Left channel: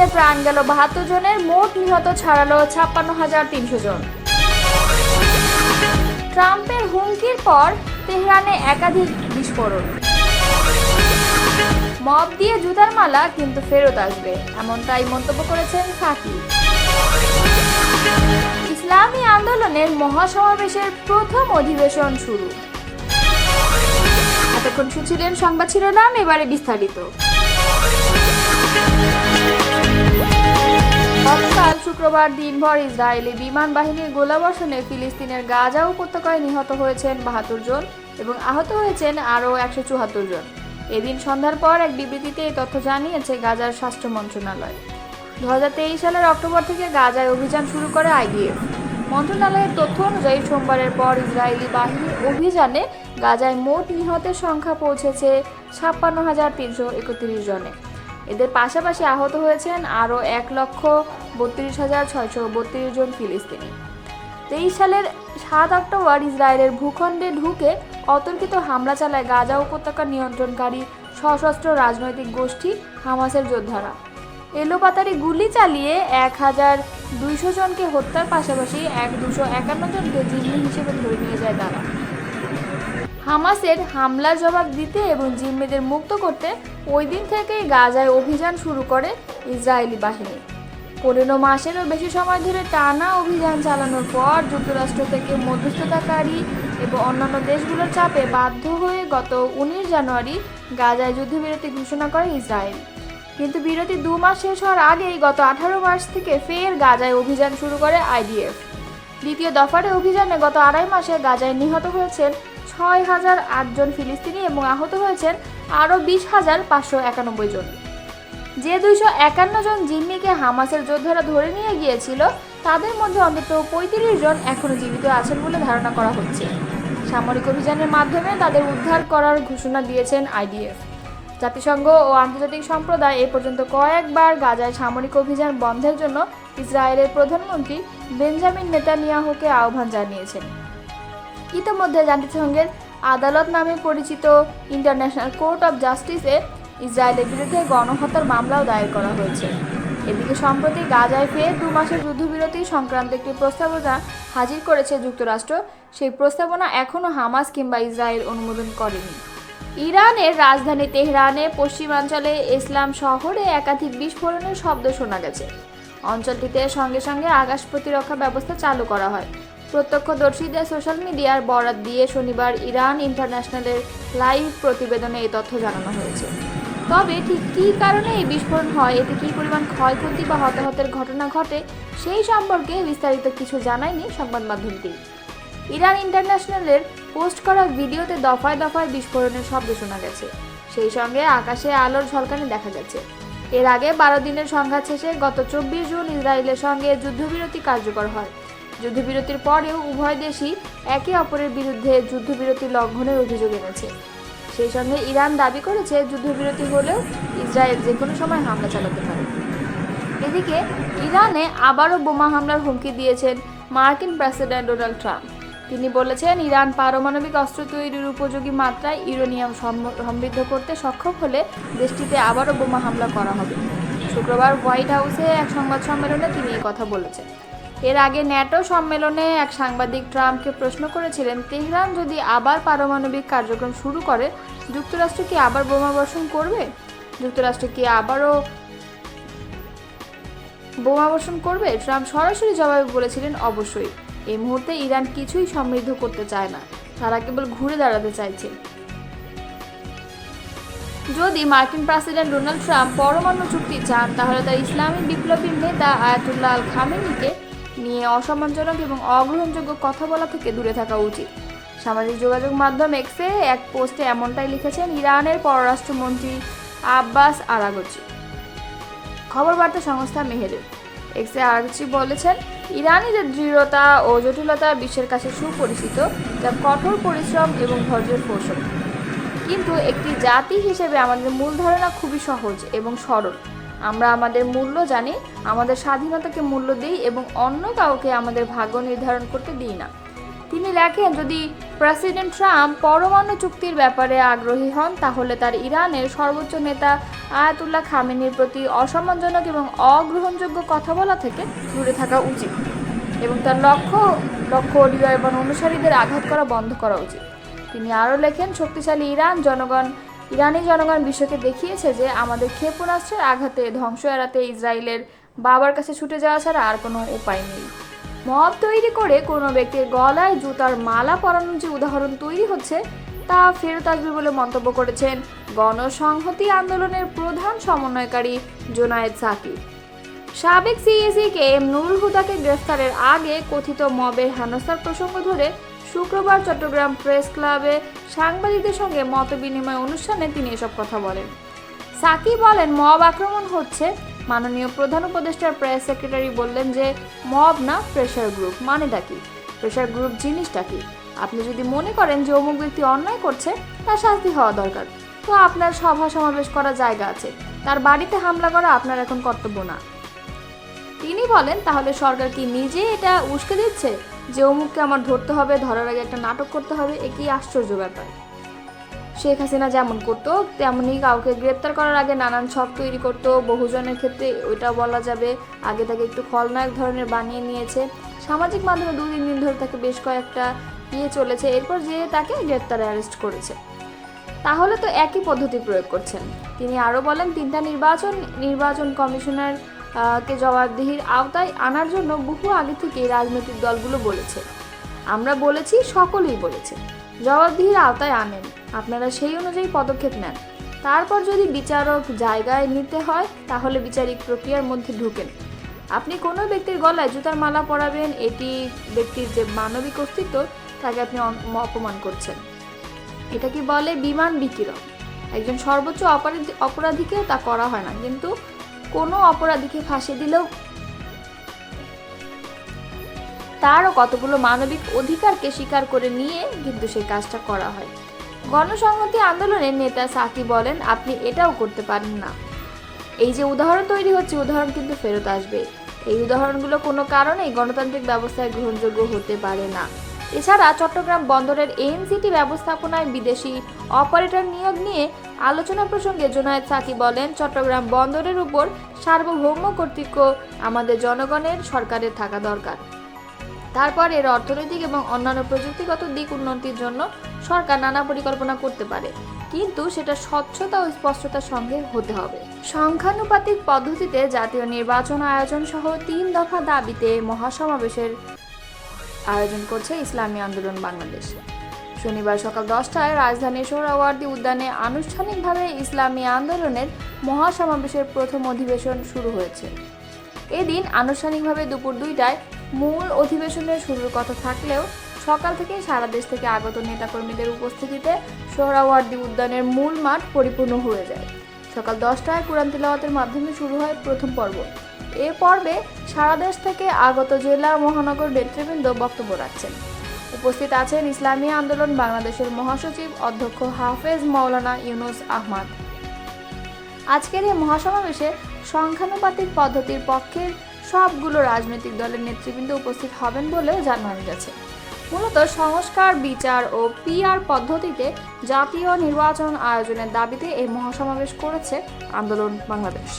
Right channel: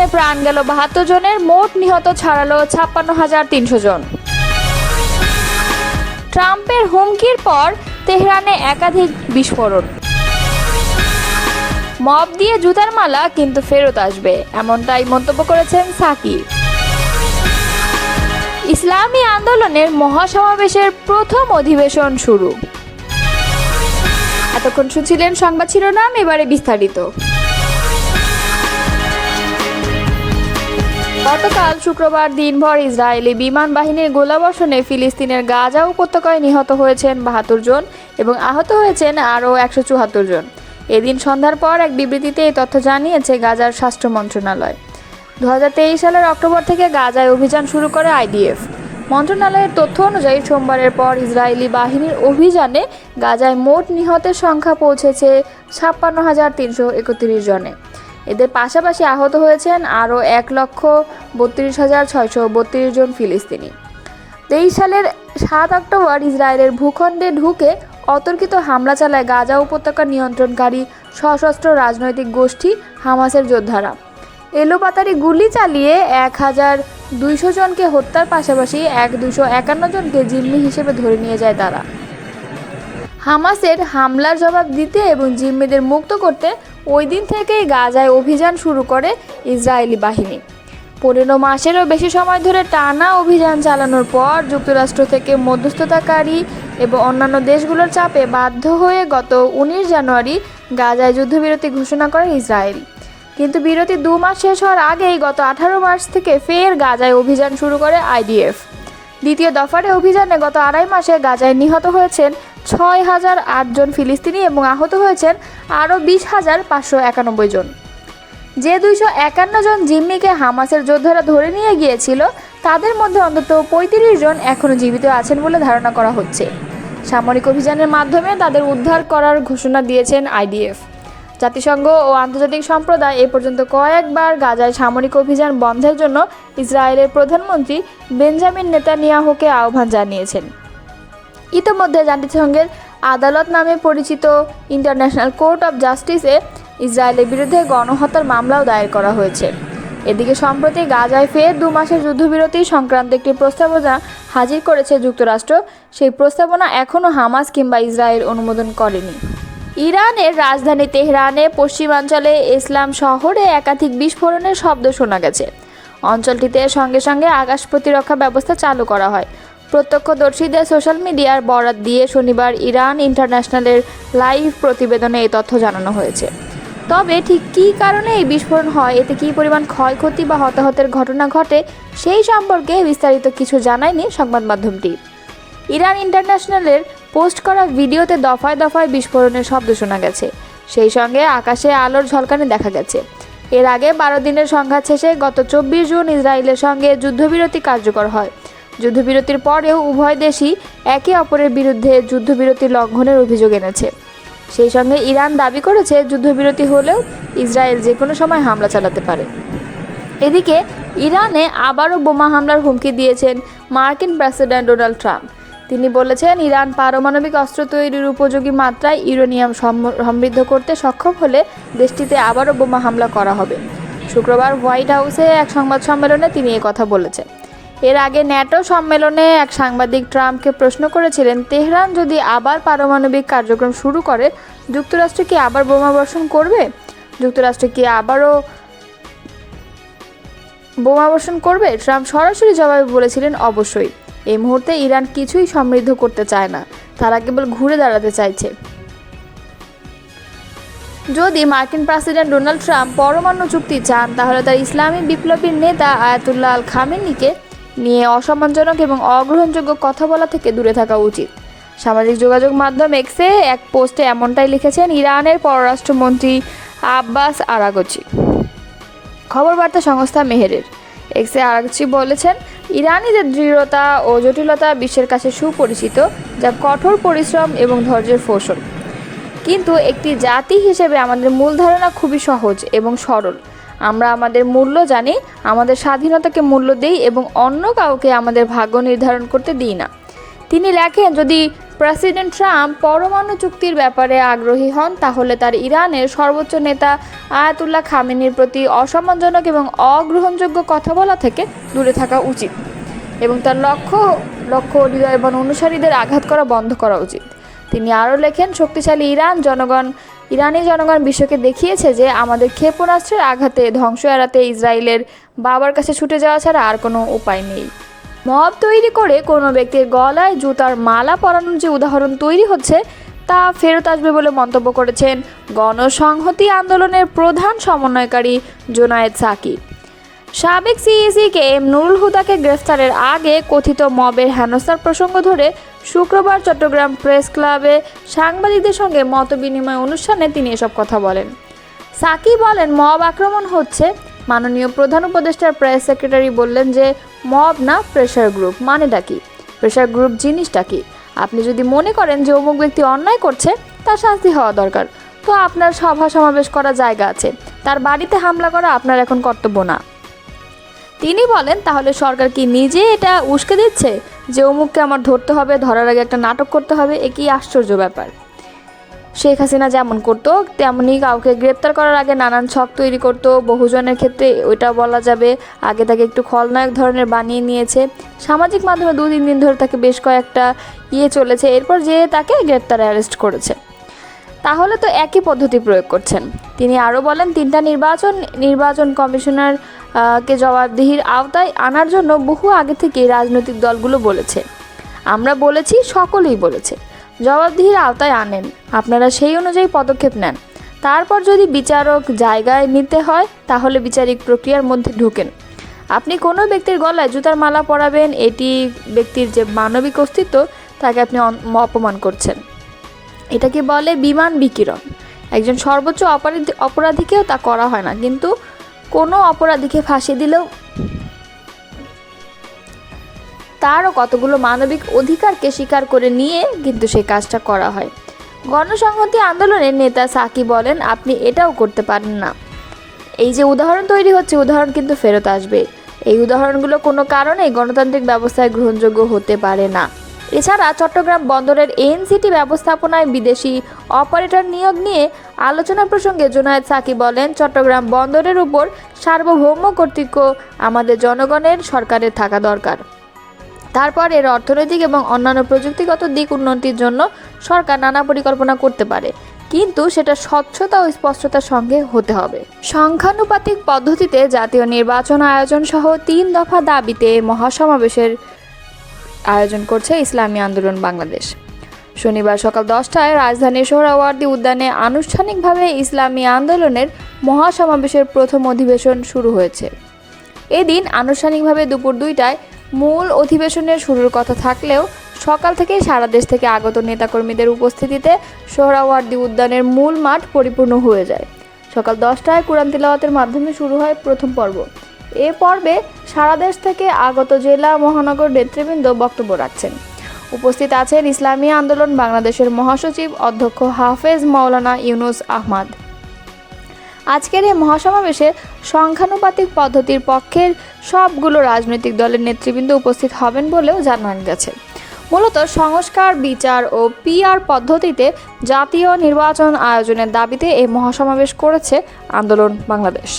দিনে প্রাণ গেল ৭২ জনের, মোট নিহত ছাড়ালো ৫৬,৩০০ জন। ট্রাম্পের হুমকির পর তেহরানে একাধিক বিস্ফোরণ। মব দিয়ে জুতার মালা কিন্তু ফেরত আসবে, এমনটাই মন্তব্য করেছেন সাকিব। ইসলামী আন্দোলনের মহাসমাবেশের প্রথম অধিবেশন শুরু। এতক্ষণ শুনছিলেন সংবাদ শিরোনাম, এবারে বিস্তারিত। গতকাল শুক্রবার দিনভর ইসরায়েলি বিমান বাহিনীর গোলাবর্ষণে ফিলিস্তিনের গাজা উপত্যকায় নিহত হয়েছেন ৭২ জন এবং আহত হয়েছেন আরও ১৭৪ জন। এদিন সন্ধ্যার পর এক বিবৃতিতে এই তথ্য জানিয়েছে গাজার স্বাস্থ্য মন্ত্রণালয়। ২০২৩ সালের অক্টোবর থেকে গাজায় অভিযান শুরু করে আইডিএফ। মন্ত্রণালয়ের তথ্য অনুযায়ী সোমবারের পর ইসরায়েলি বাহিনীর অভিযানে গাজায় মোট নিহতের সংখ্যা পৌঁছেছে ৫৬,৩৩১ জনে। এদের পাশাপাশি আহত হয়েছেন আরও ১,৩২,৬৩২ জন ফিলিস্তিনি। ২৩ সালের ৭ অক্টোবর ইসরায়েলের ভূখণ্ডে ঢুকে অতর্কিত হামলা চালায় গাজা উপত্যকা নিয়ন্ত্রণকারী সশস্ত্র রাজনৈতিক গোষ্ঠী হামাসের যোদ্ধারা। এলোপাতাড়ি গুলি চালিয়ে ১,২০০ জনকে হত্যার পাশাপাশি ২৫১ জনকে জিম্মি হিসেবে ধরে নিয়ে যায় তারা। হামাসের হামলার জবাব দিতে এবং জিম্মিদের মুক্ত করতে ওই দিন থেকেই গাজায় অভিযান শুরু করে ইসরায়েলি বাহিনী। ১৫ মাসেরও বেশি সময় ধরে টানা অভিযান চালানোর পর যুক্তরাষ্ট্র থেকে মধ্যস্থতাকারী এবং অন্যান্য দেশগুলোর চাপে বাধ্য হয়ে গত ১৯ জানুয়ারি গাজায় যুদ্ধবিরতি ঘোষণা করে ইসরায়েল। কিন্তু বিরতি ২ মাস শেষ হওয়ার আগেই গত ১৮ মার্চ থেকে ফের গাজায় অভিযান শুরু করে আইডিএফ। দ্বিতীয় দফার অভিযানে গত ২.৫ মাসে গাজায় নিহত হয়েছেন ৬,০০৮ জন ফিলিস্তিনি এবং আহত হয়েছেন আরও ২০,৫৯১ জন। যে ২৫১ জন জিম্মিকে হামাসের যোদ্ধারা ধরে নিয়ে গিয়েছিল তাদের মধ্যে অন্তত ৩৫ জন এখনও জীবিত আছেন বলে ধারণা করা হচ্ছে। সামরিক অভিযানের মাধ্যমে তাদের উদ্ধার করার ঘোষণা দিয়েছেন আইডিএফ। জাতিসংঘ ও আন্তর্জাতিক সম্প্রদায় এ পর্যন্ত কয়েকবার গাজায় সামরিক অভিযান বন্ধের জন্য ইসরায়েলের প্রধানমন্ত্রী বেঞ্জামিন নেতানিয়াহুকে আহ্বান জানিয়েছেন। ইতিমধ্যে জাতিসংঘের আদালত নামে পরিচিত ইন্টারন্যাশনাল কোর্ট অব জাস্টিসে ইসরায়েলের বিরুদ্ধে গণহত্যার মামলাও দায়ের করা হয়েছে। এদিকে সম্প্রতি গাজায় ফের ২ মাসের যুদ্ধবিরতি সংক্রান্ত একটি প্রস্তাবনা হাজির করেছে যুক্তরাষ্ট্র। সেই প্রস্তাবনা এখনও হামাস কিংবা ইসরায়েল অনুমোদন করেনি। ইরানের রাজধানী তেহরানে পশ্চিমাঞ্চলে ইসলাম শহরে একাধিক বিস্ফোরণের শব্দ শোনা গেছে। অঞ্চলটিতে সঙ্গে সঙ্গে আকাশ প্রতিরক্ষা ব্যবস্থা চালু করা হয়। প্রত্যক্ষদর্শীদের সোশ্যাল মিডিয়ার বরাত দিয়ে শনিবার ইরান ইন্টারন্যাশনালের লাইভ প্রতিবেদনে এই তথ্য জানানো হয়েছে। তবে ঠিক কী কারণে এই বিস্ফোরণ হয়, এতে কী পরিমাণ ক্ষয়ক্ষতি বা হতাহতের ঘটনা ঘটে সেই সম্পর্কে বিস্তারিত কিছু জানায়নি সংবাদ মাধ্যমটি। ইরান ইন্টারন্যাশনালের পোস্ট করা ভিডিওতে দফায় দফায় বিস্ফোরণের শব্দ শোনা গেছে, সেই সঙ্গে আকাশে আলোর ঝলকানি দেখা গেছে। এর আগে ১২ দিনের সংঘাত শেষে গত ২৪ জুন ইসরায়েলের সঙ্গে যুদ্ধবিরতি কার্যকর হয়। যুদ্ধবিরতির পরেও উভয় দেশই একে অপরের বিরুদ্ধে যুদ্ধবিরতি লঙ্ঘনের অভিযোগ এনেছে। সেই সঙ্গে ইরান দাবি করেছে যুদ্ধবিরতি হলেও ইসরায়েল যে কোনো সময় হামলা চালাতে পারে। এদিকে ইরানে আবারও বোমা হামলার হুমকি দিয়েছেন মার্কিন প্রেসিডেন্ট ডোনাল্ড ট্রাম্প। তিনি বলেছেন, ইরান পারমাণবিক অস্ত্র তৈরির উপযোগী মাত্রায় ইউরেনিয়াম সমৃদ্ধ করতে সক্ষম হলে দেশটিতে আবারও বোমা হামলা করা হবে। শুক্রবার হোয়াইট হাউসে এক সংবাদ সম্মেলনে তিনি কথা বলেছেন। এর আগে ন্যাটো সম্মেলনে এক সাংবাদিক ট্রাম্পকে প্রশ্ন করেছিলেন, তেহরান যদি আবার পারমাণবিক কার্যক্রম শুরু করে যুক্তরাষ্ট্র কি আবার বোমা বর্ষণ করবে? যুক্তরাষ্ট্র কি আবারও বোমা বর্ষণ করবে? ট্রাম্প সরাসরি জবাবে বলেছিলেন, অবশ্যই। এই মুহূর্তে ইরান কিছুই সমৃদ্ধ করতে চায় না, তারা কেবল ঘুরে দাঁড়াতে চাইছে। যদি মার্কিন প্রেসিডেন্ট ডোনাল্ড ট্রাম্প পরমাণু চুক্তি চান, তাহলে তার ইসলামিক বিপ্লবীর নেতা আয়াতুল্লাহ আল খামেনিকে নিয়ে অসম্মানজনক এবং অগ্রহণযোগ্য কথা বলা থেকে দূরে থাকা উচিত। সামাজিক যোগাযোগ মাধ্যম এক্সে এক পোস্টে এমনটাই লিখেছেন ইরানের পররাষ্ট্রমন্ত্রী আব্বাস আরাগচি। খবর বার্তা সংস্থা মেহেরের এক্সে আরাগচি বলেছেন, ইরানিদের দৃঢ়তা ও জটিলতা বিশ্বের কাছে সুপরিচিত, যা কঠোর পরিশ্রম এবং ধৈর্যের ফসল। কিন্তু একটি জাতি হিসেবে আমাদের মূল ধারণা খুবই সহজ এবং সরল। আমরা আমাদের মূল্য জানি, আমাদের স্বাধীনতাকে মূল্য দেই এবং অন্য কাউকে আমাদের ভাগ্য নির্ধারণ করতে দিই না। তিনি লেখেন, যদি প্রেসিডেন্ট ট্রাম্প পরমাণু চুক্তির ব্যাপারে আগ্রহী হন তাহলে তার ইরানের সর্বোচ্চ নেতা আয়াতুল্লাহ খামেনির প্রতি অসম্মানজনক এবং অগ্রহণযোগ্য কথা বলা থেকে দূরে থাকা উচিত এবং তার লক্ষ্য হৃদয় এবং অনুসারীদের আঘাত করা বন্ধ করা উচিত। তিনি আরও লেখেন, শক্তিশালী ইরানি জনগণ বিশ্বকে দেখিয়েছে যে আমাদের ক্ষেপণাস্ত্রের আঘাতে ধ্বংস এড়াতে ইসরায়েলের বাবার কাছে ছুটে যাওয়া ছাড়া আর কোনো উপায় নেই। মব তৈরি করে কোনো ব্যক্তির গলায় জুতার মালা পরানোর যে উদাহরণ তৈরি হচ্ছে তা ফেরত আসবে বলে মন্তব্য করেছেন গণসংহতি আন্দোলনের প্রধান সমন্বয়কারী জোনায়েদ সাকি। সাবেক সিইসি কে এম নুরুল হুদাকে গ্রেফতারের আগে কথিত মবের হেনস্থার প্রসঙ্গ ধরে শুক্রবার চট্টগ্রাম প্রেস ক্লাবে সাংবাদিকদের সঙ্গে মতবিনিময় অনুষ্ঠানে তিনি এসব কথা বলেন। সাকি বলেন, মব আক্রমণ হচ্ছে। মাননীয় প্রধান উপদেষ্টার প্রেস সেক্রেটারি বললেন যে মব না, প্রেশার গ্রুপ। মানেটা কি? প্রেশার গ্রুপ জিনিসটা কি? আপনি যদি মনে করেন যে অমুক ব্যক্তি অন্যায় করছে, তার শাস্তি হওয়া দরকার, তো আপনার সভা সমাবেশ করার জায়গা আছে, তার বাড়িতে হামলা করা আপনার এখন কর্তব্য না। তিনি বলেন, তাহলে সরকার কি নিজে এটা উস্কে দিচ্ছে যে অমুককে আমার ধরতে হবে, ধরার আগে একটা নাটক করতে হবে? এ কি আশ্চর্য ব্যাপার। শেখ হাসিনা যেমন করতো তেমনি কাউকে গ্রেপ্তার করার আগে নানান ছক তৈরি করতো। বহুজনের ক্ষেত্রে ওইটা বলা যাবে আগে তাকে একটু খলনায়ক ধরনের বানিয়ে নিয়েছে। সামাজিক মাধ্যমে 2-3 দিন ধরে তাকে বেশ কয়েকটা চলেছে, এরপর যে তাকে গ্রেপ্তার অ্যারেস্ট করেছে। তাহলে তো একই পদ্ধতি প্রয়োগ করছেন। তিনি আরও বলেন, 3টা নির্বাচন কমিশনার কে জবাবদিহির আওতায় আনার জন্য বহু আগে থেকেই রাজনৈতিক দলগুলো বলেছে। আমরা বলেছি, সকলেই বলেছে, জবাবদিহির আওতায় আনেন, আপনারা সেই অনুযায়ী পদক্ষেপ নেন। তারপর যদি বিচারক জায়গায় নিতে হয় তাহলে বিচারিক প্রক্রিয়ার মধ্যে ঢুকেন। আপনি কোনো ব্যক্তির গলায় জুতার মালা পরাবেন, এটি ব্যক্তির যে মানবিক অস্তিত্ব তাকে আপনি অপমান করছেন। এটাকে বলে বিমান বিকিরণ। একজন সর্বোচ্চ অপরাধীকেও তা করা হয় না, কিন্তু কোনো অপরাধীকে ফাঁসি দিলেও তারও কতগুলো মানবিক অধিকারকে স্বীকার করে নিয়ে কিন্তু সেই কাজটা করা হয়। গণসংহতি আন্দোলনের নেতা সাকি বলেন, আপনি এটাও করতে পারেন না। এই যে উদাহরণ তৈরি হচ্ছে, উদাহরণ কিন্তু ফেরত আসবে। এই উদাহরণগুলো কোনো কারণেই গণতান্ত্রিক ব্যবস্থায় গ্রহণযোগ্য হতে পারে না। এছাড়া চট্টগ্রাম বন্দরের এনসিটি ব্যবস্থাপনায় বিদেশি অপারেটর নিয়োগ নিয়ে আলোচনা প্রসঙ্গে জোনায়েদ সাকি বলেন, চট্টগ্রাম বন্দরের উপর সার্বভৌম কর্তৃত্ব আমাদের জনগণের সরকারের থাকা দরকার। তারপর এর অর্থনৈতিক এবং অন্যান্য প্রযুক্তিগত দিক উন্নতির জন্য সরকার নানা পরিকল্পনা করতে পারে, কিন্তু সেটা স্বচ্ছতা ও স্পষ্টতার সঙ্গে হতে হবে। সংখ্যানুপাতিক পদ্ধতিতে জাতীয় নির্বাচন আয়োজন সহ 3 দফা দাবিতে মহাসমাবেশের আয়োজন করছে ইসলামী আন্দোলন বাংলাদেশ। শনিবার সকাল 10টায় রাজধানীর সোহরাওয়ার্দী উদ্যানে আনুষ্ঠানিকভাবে ইসলামী আন্দোলনের মহাসমাবেশের প্রথম অধিবেশন শুরু হয়েছে। এদিন আনুষ্ঠানিকভাবে দুপুর 2টায় মূল অধিবেশনের শুরুর কথা থাকলেও সকাল থেকেই সারা দেশ থেকে আগত নেতাকর্মীদের উপস্থিতিতে সোহরাওয়ার্দী উদ্যানের মূল মাঠ পরিপূর্ণ হয়ে যায়। সকাল 10টায় কুরআন তিলাওয়াতের মাধ্যমে শুরু হয় প্রথম পর্ব। এ পর্বে সারা দেশ থেকে আগত জেলা মহানগর নেতৃবৃন্দ বক্তব্য রাখছেন। উপস্থিত আছেন ইসলামী আন্দোলন বাংলাদেশের মহাসচিব অধ্যক্ষ হাফেজ মাওলানা ইউনুস আহমদ। আজকের এই মহাসমাবেশে সংখ্যানুপাতিক পদ্ধতির পক্ষের সবগুলো রাজনৈতিক দলের নেতৃবৃন্দ উপস্থিত হবেন বলেও জানানো গেছে। মূলত সংস্কার, বিচার ও পিআর পদ্ধতিতে জাতীয় নির্বাচন আয়োজনের দাবিতে এই মহাসমাবেশ করেছে আন্দোলন বাংলাদেশ।